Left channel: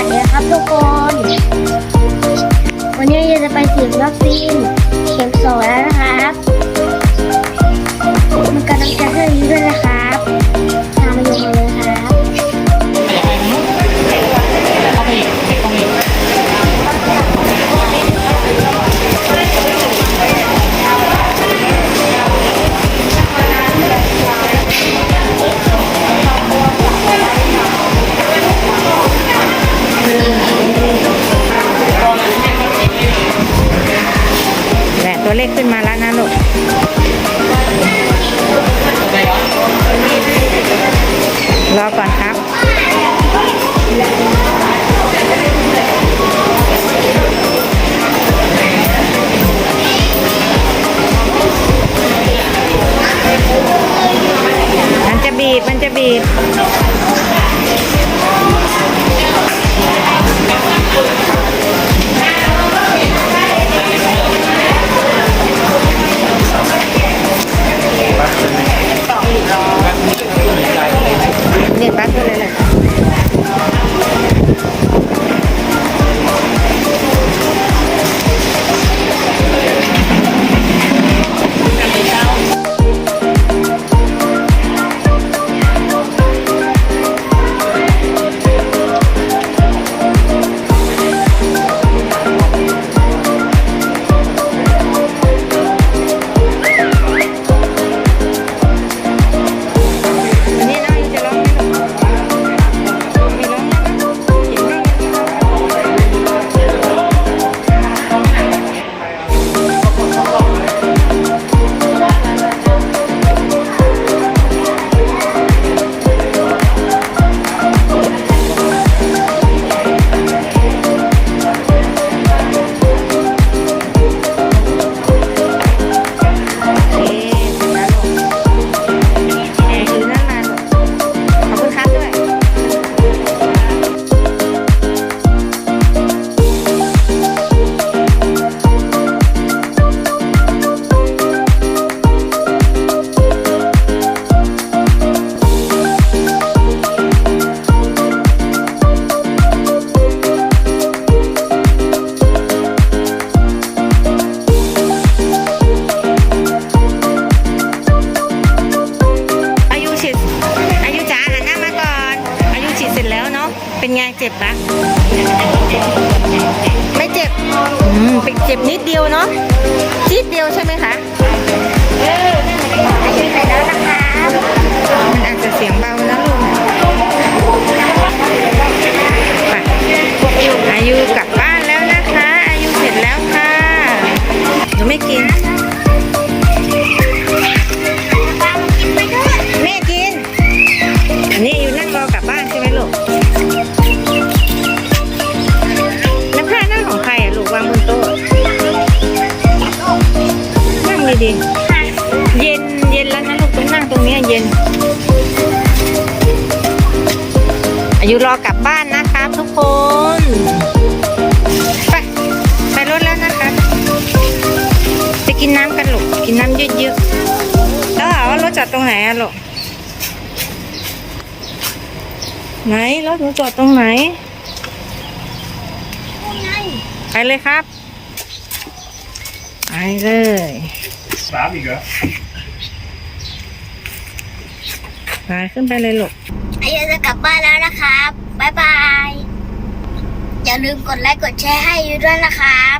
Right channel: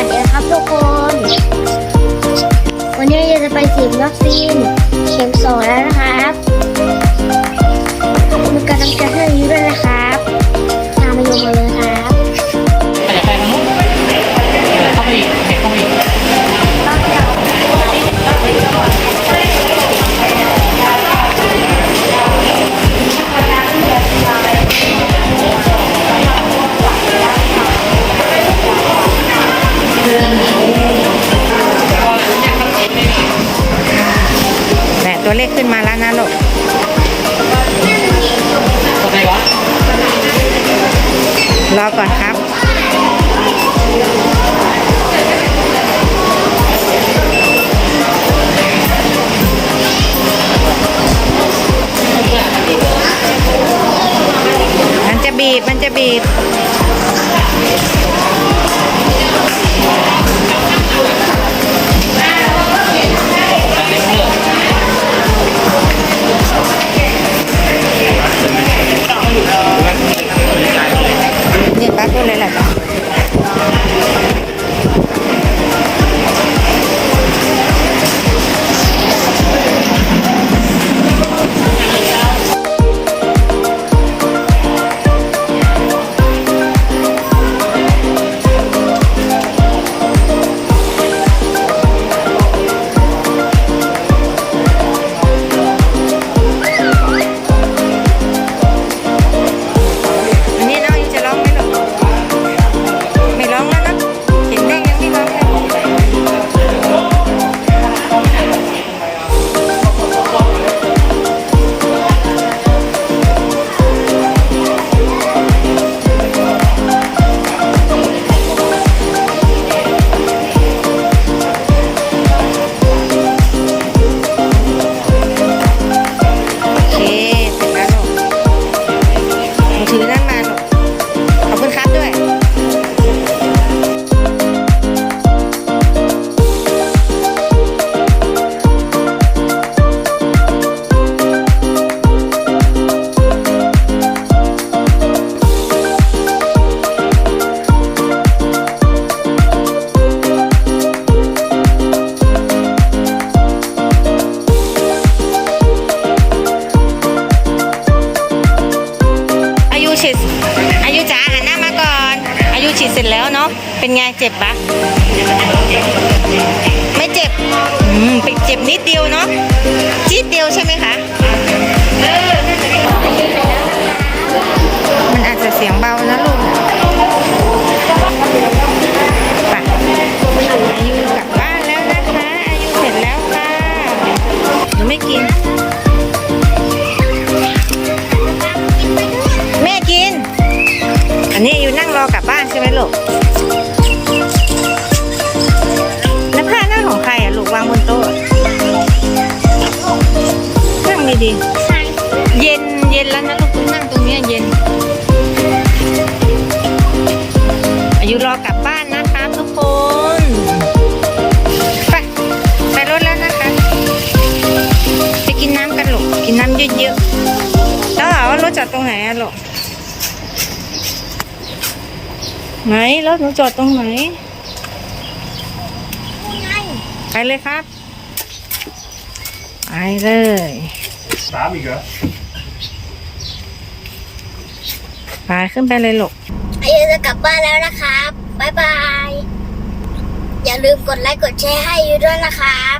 วัสดีครับทุกคน วันนี้เราจะไปฉีดวัคซีนเข็มสองแล้วนะครับ มันกำลังจะให้อายุด้วยนะคะ ตัวเลขขึ้นมาแล้วนะลูกรอก่อนครับ มันจะบีบ มันจะบีบ นี่ป้าพูดเลยแหละ เป็นไงเจ็บปะไม่เจ็บอืมเป็นเจ็บนิดเดียวเนาะจี๊ดเดียวใช่ไหมคะอายุเสร็จแล้วนะครับมันอาจจะเสียงเบานะลูกนะไปอายุกลับบ้านแล้วนะคะ อายุเสร็จแล้วค่ะหนูไม่กินแม่กิน อันนี้อายุนั่งรอกลับบ้านใช่ไหมลูก วางบนโต๊ะนั่งดีๆเย็นเย็นแล้วนะลูกต้องนั่งตรงนี้เย็น อายุรอกลับบ้านนะครับทุกคนไปไปรถแล้วนะคะไปกินน้ำกันลูกกินน้ำเยอะๆแล้วว่ารถจอดตรงไหนอะลูกไหนรถหนูจอดตรงไหน เลยครับ ไปเลยสามอีกเหรอไปขึ้นไปเลยลูกอายุจะกลับบ้านแล้วนะครับบ๊ายบาย อย่าลืมกดไลค์กดแชร์ให้อายุด้วยนะครับ